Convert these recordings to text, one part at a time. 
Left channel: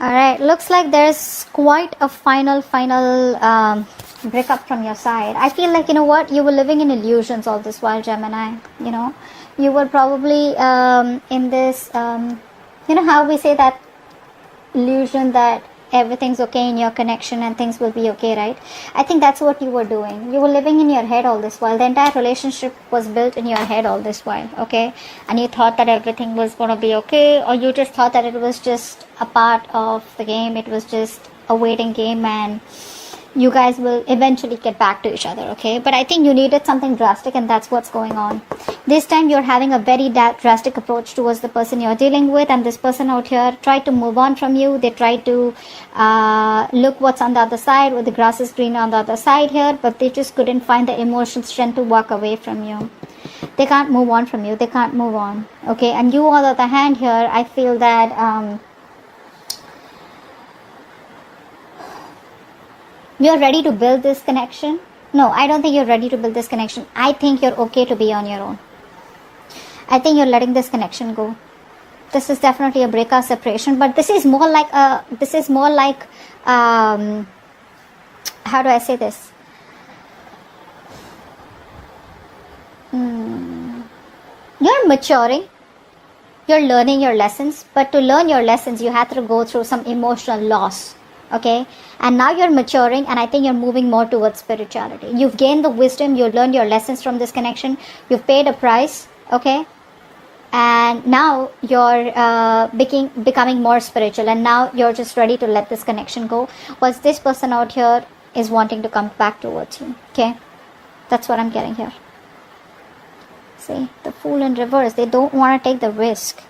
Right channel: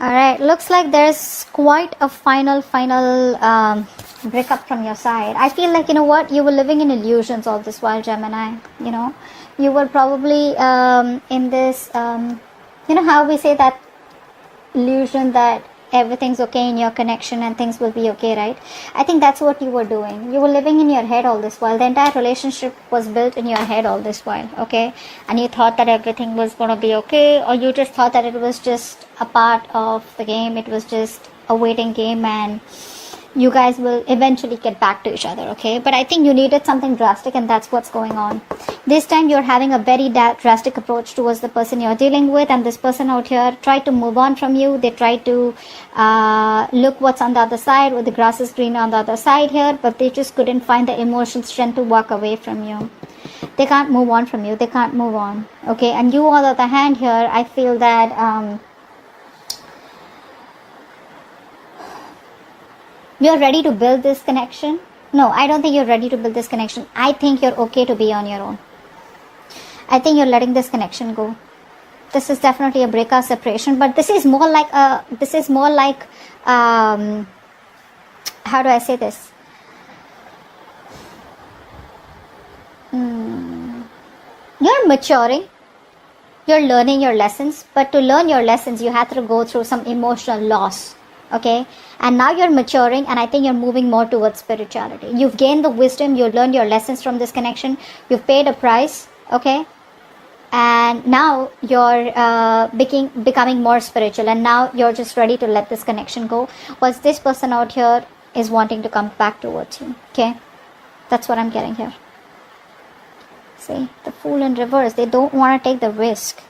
Alright, looks like there's quite a final breakup from your side. I feel like, you know what, you were living in illusions all this while, Gemini. You know, you were probably in this, you know how we say that illusion that everything's okay in your connection and things will be okay, right? I think that's what you were doing. You were living in your head all this while. The entire relationship was built in your head all this while, okay? And you thought that everything was gonna be okay, or you just thought that it was just a part of the game. It was just a waiting game and you guys will eventually get back to each other, okay? But I think you needed something drastic, and that's what's going on. This time you're having a very drastic approach towards the person you're dealing with, and this person out here tried to move on from you. They tried to look what's on the other side, where the grass is green on the other side here, but they just couldn't find the emotional strength to walk away from you. They can't move on from you. They can't move on, okay? And you, on the other hand here, I feel that you're ready to build this connection. No, I don't think you're ready to build this connection. I think you're okay to be on your own. I think you're letting this connection go. This is definitely a breakup separation, but this is more like how do I say this? You're maturing. You're learning your lessons, but to learn your lessons, you have to go through some emotional loss. Okay, and now you're maturing, and I think you're moving more towards spirituality. You've gained the wisdom, you've learned your lessons from this connection, you've paid a price, okay, and now you're becoming more spiritual, and now you're just ready to let this connection go. Was this person out here is wanting to come back towards you, okay? That's what I'm getting here. See, the Fool in reverse. They don't want to take the risk.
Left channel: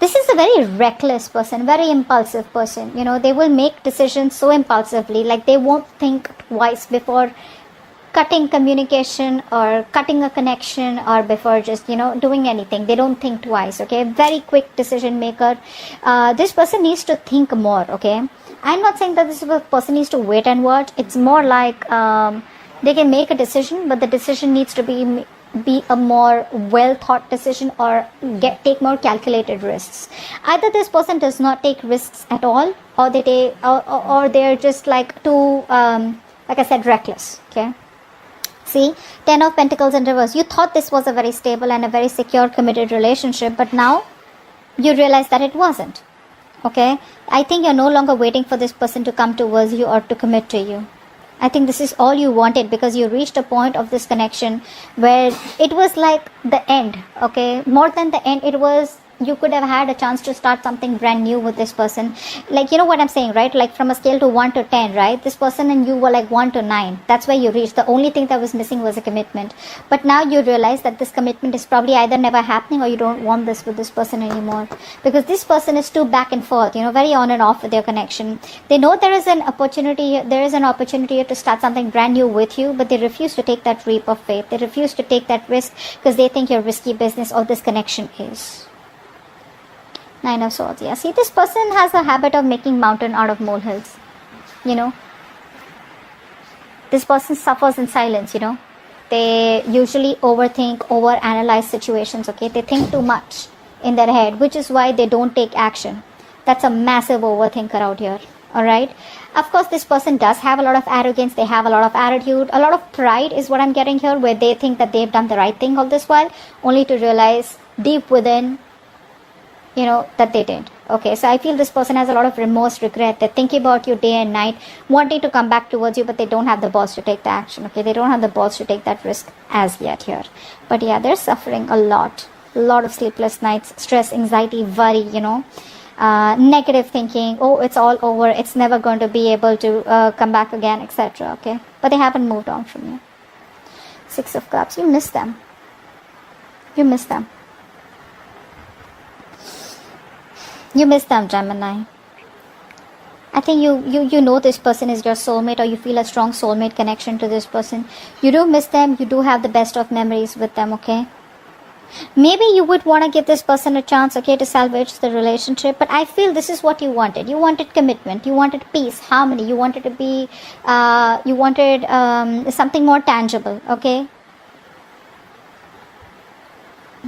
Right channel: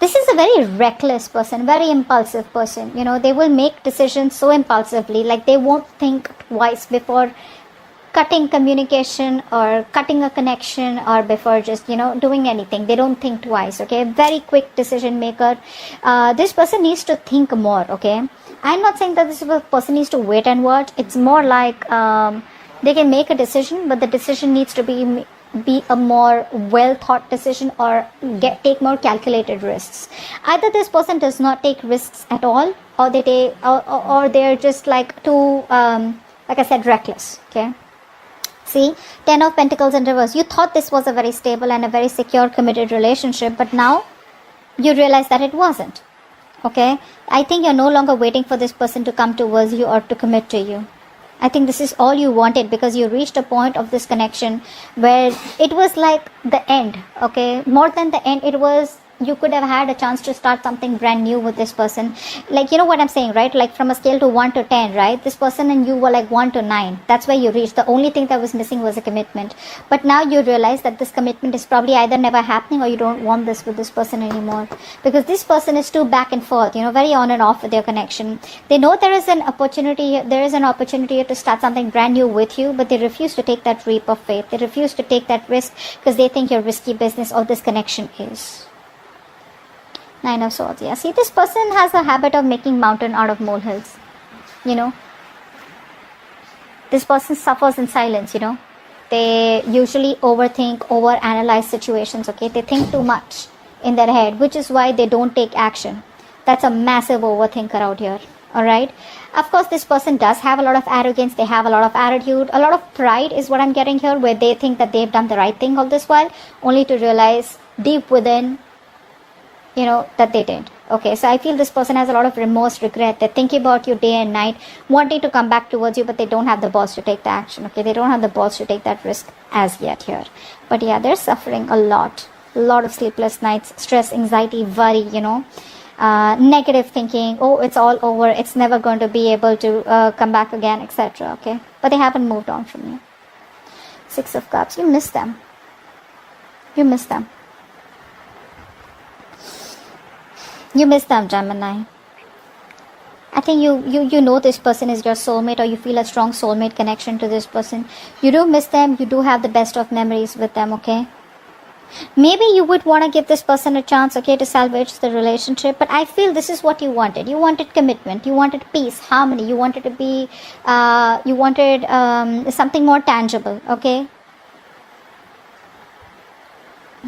This is a very reckless person, very impulsive person. You know, they will make decisions so impulsively, like they won't think twice before cutting communication or cutting a connection, or before just, you know, doing anything. They don't think twice, okay? Very quick decision maker. This person needs to think more, okay? I'm not saying that this person needs to wait and watch. It's more like they can make a decision, but the decision needs to be a more well thought decision, or take more calculated risks. Either this person does not take risks at all, or they take, or they're just like too like I said, reckless, okay? See, 10 of Pentacles in reverse. You thought this was a very stable and a very secure committed relationship, but now you realize that it wasn't, okay? I think you're no longer waiting for this person to come towards you or to commit to you. I think this is all you wanted, because you reached a point of this connection where it was like the end, okay? More than the end, it was, you could have had a chance to start something brand new with this person. Like, you know what I'm saying, right? Like from a scale to 1 to 10, right? This person and you were like 1 to 9. That's where you reached. The only thing that was missing was a commitment. But now you realize that this commitment is probably either never happening, or you don't want this with this person anymore. Because this person is too back and forth, you know, very on and off with their connection. They know there is an opportunity to start something brand new with you, but they refuse to take that leap of faith. They refuse to take that risk because they think you're risky business, or this connection is. 9 of Swords. Yeah, see, this person has a habit of making mountain out of molehills. You know, this person suffers in silence. You know, they usually overthink, overanalyze situations. Okay, they think too much in their head, which is why they don't take action. That's a massive overthinker out here. Alright, of course this person does have a lot of arrogance. They have a lot of attitude, a lot of pride is what I'm getting here, where they think that they've done the right thing all this while, only to realize deep within, you know, that they didn't. Okay, so I feel this person has a lot of remorse, regret. They think about you day and night, wanting to come back towards you, but they don't have the balls to take the action. Okay, they don't have the balls to take that risk as yet here. But yeah, they're suffering a lot of sleepless nights, stress, anxiety, worry, you know, negative thinking. Oh, it's all over, it's never going to be able to come back again, etc. Okay, but they haven't moved on from you. 6 of Cups. You miss them. You miss them. You miss them, Gemini. I think you know this person is your soulmate, or you feel a strong soulmate connection to this person. You do miss them. You do have the best of memories with them, okay? Maybe you would want to give this person a chance, okay, to salvage the relationship. But I feel this is what you wanted. You wanted commitment. You wanted peace, harmony. You wanted to be, you wanted something more tangible, okay?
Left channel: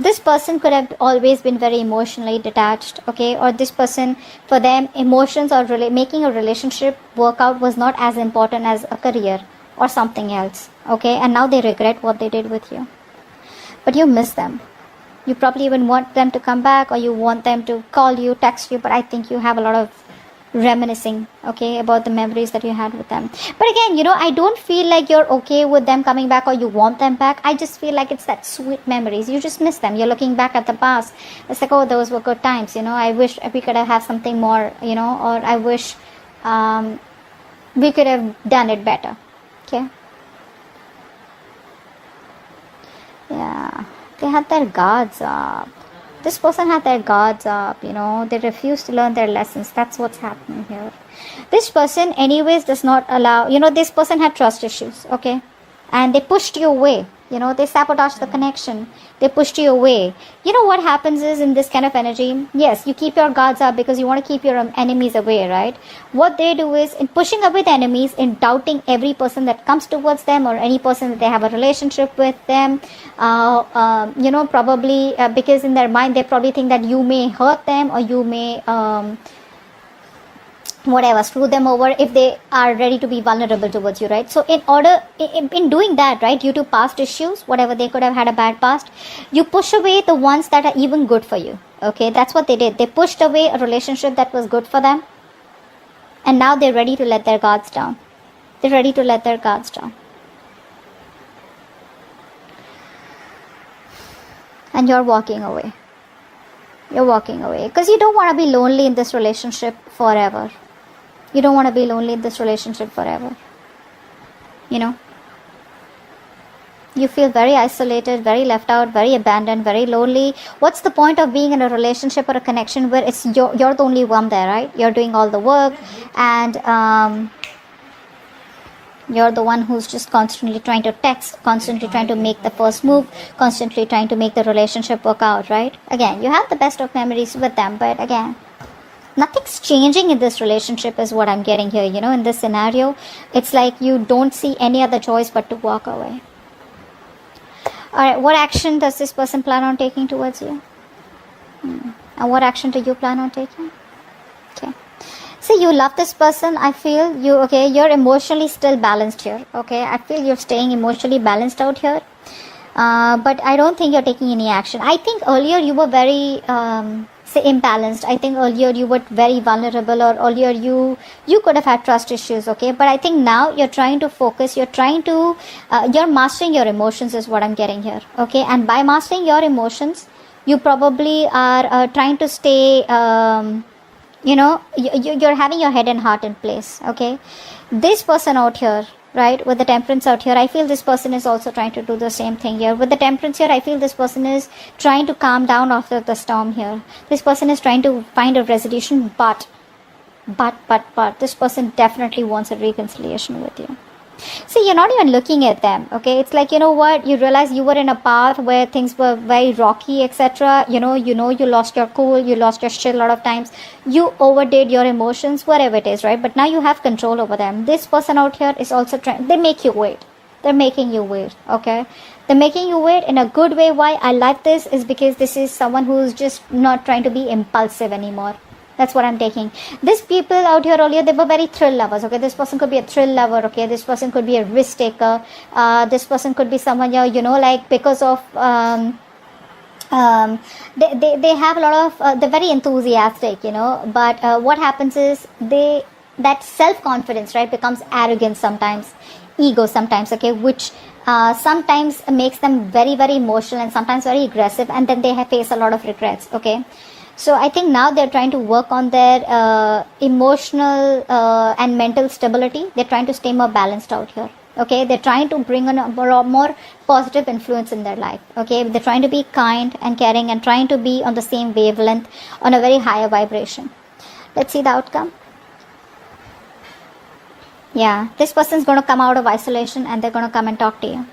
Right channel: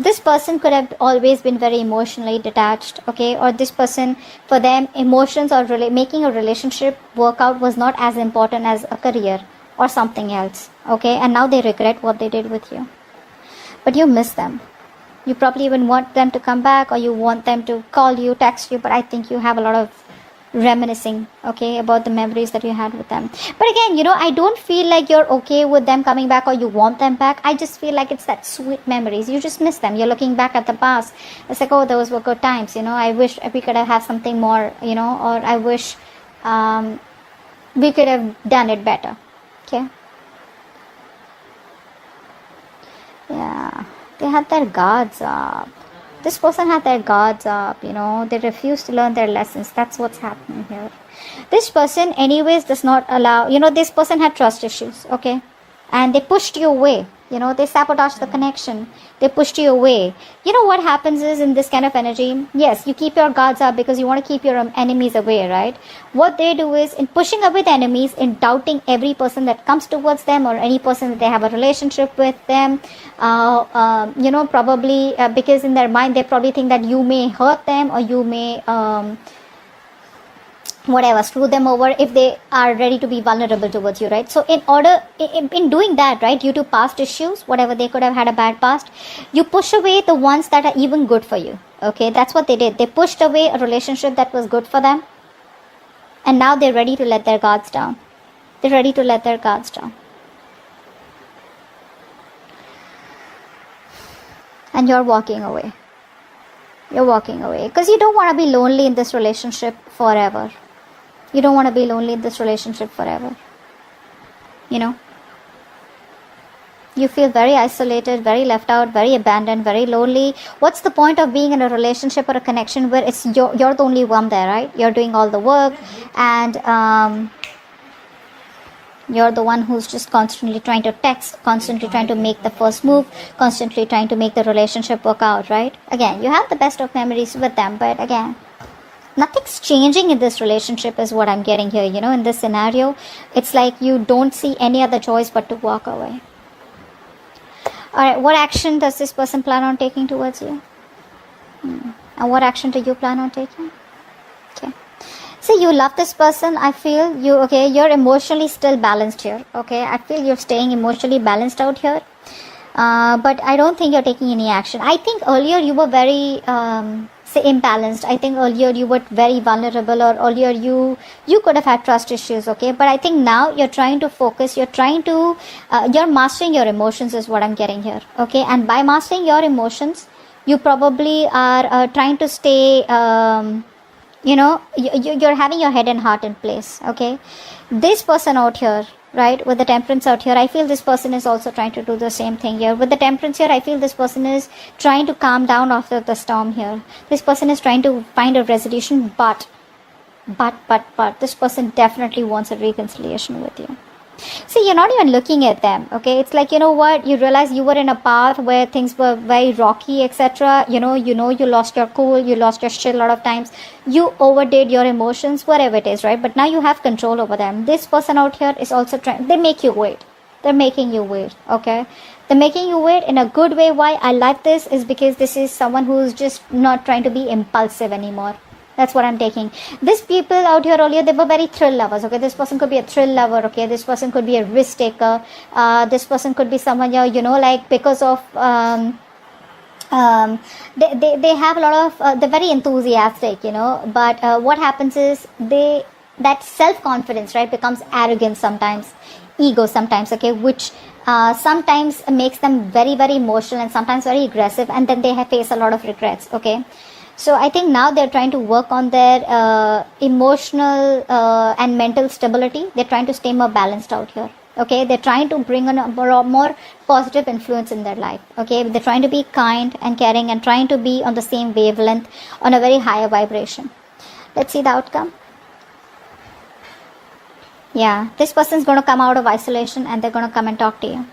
this person could have always been very emotionally detached, okay, or this person, for them, emotions or making a relationship work out was not as important as a career or something else, okay, and now they regret what they did with you. But you miss them. You probably even want them to come back, or you want them to call you, text you, but I think you have a lot of reminiscing, okay, about the memories that you had with them. But again, I don't feel like you're okay with them coming back or you want them back. I just feel like it's that sweet memories. You just miss them. You're looking back at the past. It's like, oh, those were good times, I wish we could have had something more, or I wish we could have done it better, okay. Yeah, they had their guards up. This person had their guards up, they refuse to learn their lessons. That's what's happening here. This person anyways does not allow, this person had trust issues, okay? And they pushed you away, they sabotaged the connection. They pushed you away. What happens is, in this kind of energy, yes, you keep your guards up because you want to keep your enemies away, right? What they do is, in pushing away the enemies, in doubting every person that comes towards them or any person that they have a relationship with them, probably because in their mind they probably think that you may hurt them or you may screw them over if they are ready to be vulnerable towards you, right? So in doing that, right, due to past issues, whatever, they could have had a bad past, you push away the ones that are even good for you, okay? That's what they did. They pushed away a relationship that was good for them, and now they're ready to let their guards down. They're ready to let their guards down. And you're walking away. You're walking away because you don't want to be lonely in this relationship forever. You don't want to be lonely in this relationship forever. You feel very isolated, very left out, very abandoned, very lonely. What's the point of being in a relationship or a connection where it's you're the only one there, right? You're doing all the work, and you're the one who's just constantly trying to text, constantly trying to make the first move, constantly trying to make the relationship work out, right? Again, you have the best of memories with them, but again, nothing's changing in this relationship is what I'm getting here, in this scenario. It's like you don't see any other choice but to walk away. Alright, what action does this person plan on taking towards you? And what action do you plan on taking? Okay. See, you love this person. I feel you're emotionally still balanced here, okay? I feel you're staying emotionally balanced out here. But I don't think you're taking any action. I think earlier you were very imbalanced. I think earlier you were very vulnerable, or earlier you could have had trust issues, okay? But I think now you're trying to focus, you're mastering your emotions is what I'm getting here, okay? And by mastering your emotions, you probably are trying to stay, you're having your head and heart in place, okay? This person out here, right, with the temperance out here, I feel this person is also trying to do the same thing here. With the temperance here, I feel this person is trying to calm down after the storm here. This person is trying to find a resolution, but this person definitely wants a reconciliation with you. See, you're not even looking at them, okay? It's like, you realize you were in a path where things were very rocky, etc. You lost your cool, you lost your shit a lot of times. You overdid your emotions, whatever it is, right? But now you have control over them. This person out here is also trying, they make you wait. They're making you wait, okay? They're making you wait in a good way. Why I like this is because this is someone who's just not trying to be impulsive anymore. That's what I'm taking. These people out here earlier, they were very thrill lovers, okay? This person could be a thrill lover, okay? This person could be a risk taker. This person could be someone, because of, they have a lot of, they're very enthusiastic, but what happens is that self-confidence, right, becomes arrogance sometimes, ego sometimes, okay, which sometimes makes them very, very emotional and sometimes very aggressive, and then they face a lot of regrets, okay? So I think now they're trying to work on their emotional and mental stability. They're trying to stay more balanced out here. Okay, they're trying to bring in a more positive influence in their life. Okay, they're trying to be kind and caring and trying to be on the same wavelength, on a very higher vibration. Let's see the outcome. Yeah, this person's going to come out of isolation and they're going to come and talk to you.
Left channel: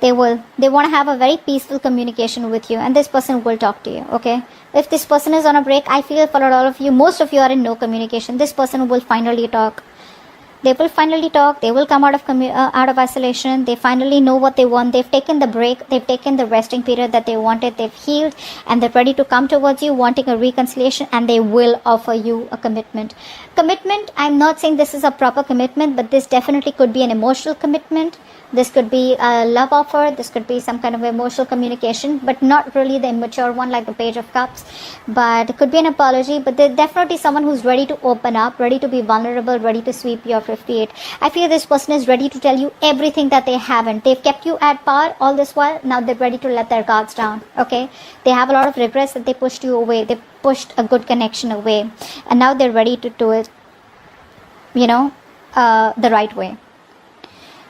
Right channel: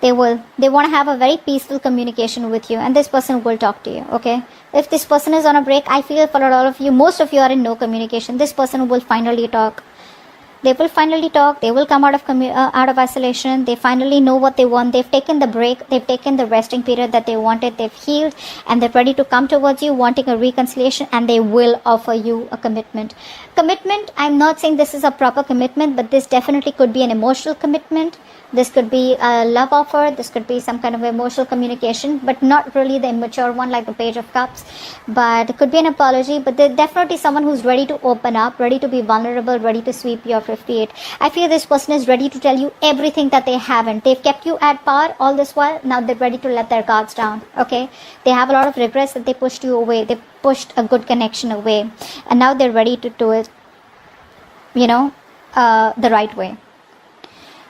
They want to have a very peaceful communication with you, and this person will talk to you, okay? If this person is on a break, I feel for a lot of you, most of you are in no communication. This person will finally talk. They will finally talk. They will come out of isolation. They finally know what they want. They've taken the break. They've taken the resting period that they wanted. They've healed, and they're ready to come towards you, wanting a reconciliation, and they will offer you a commitment. Commitment, I'm not saying this is a proper commitment, but this definitely could be an emotional commitment. This could be a love offer. This could be some kind of emotional communication, but not really the immature one like the Page of Cups. But it could be an apology, but there's definitely someone who's ready to open up, ready to be vulnerable, ready to sweep your 58. I feel this person is ready to tell you everything that they haven't. They've kept you at par all this while. Now they're ready to let their guards down. Okay? They have a lot of regrets that they pushed you away. They pushed a good connection away. And now they're ready to do it, the right way.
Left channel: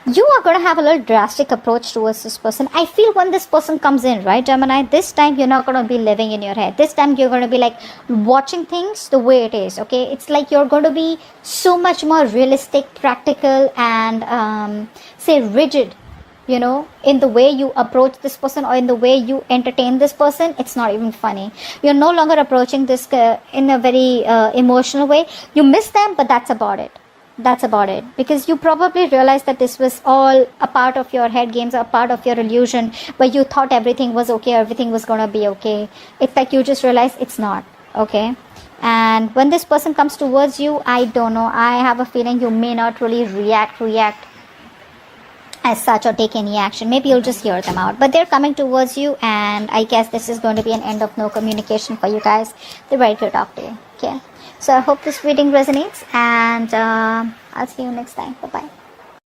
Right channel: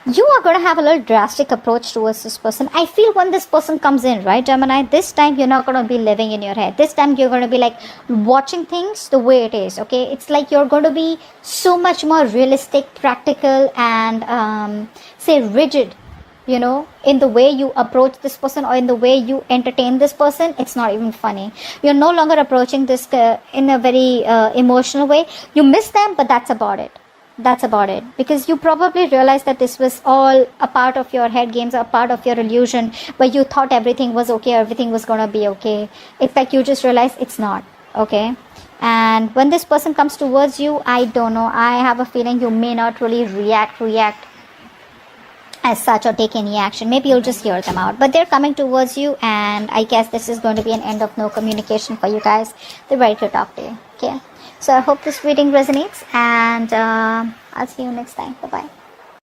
You are going to have a little drastic approach towards this person. I feel when this person comes in, right, Gemini, this time you're not going to be living in your head. This time you're going to be like watching things the way it is, okay? It's like you're going to be so much more realistic, practical, and say rigid, in the way you approach this person or in the way you entertain this person. It's not even funny. You're no longer approaching this in a very emotional way. You miss them, but that's about it. Because you probably realized that this was all a part of your head games, a part of your illusion, where you thought everything was okay, everything was going to be okay. In fact, you just realized it's not, okay? And when this person comes towards you, I don't know, I have a feeling you may not really react as such or take any action. Maybe you'll just hear them out. But they're coming towards you, and I guess this is going to be an end of no communication for you guys. They're ready to talk to you, okay? So I hope this reading resonates, and I'll see you next time. Bye-bye.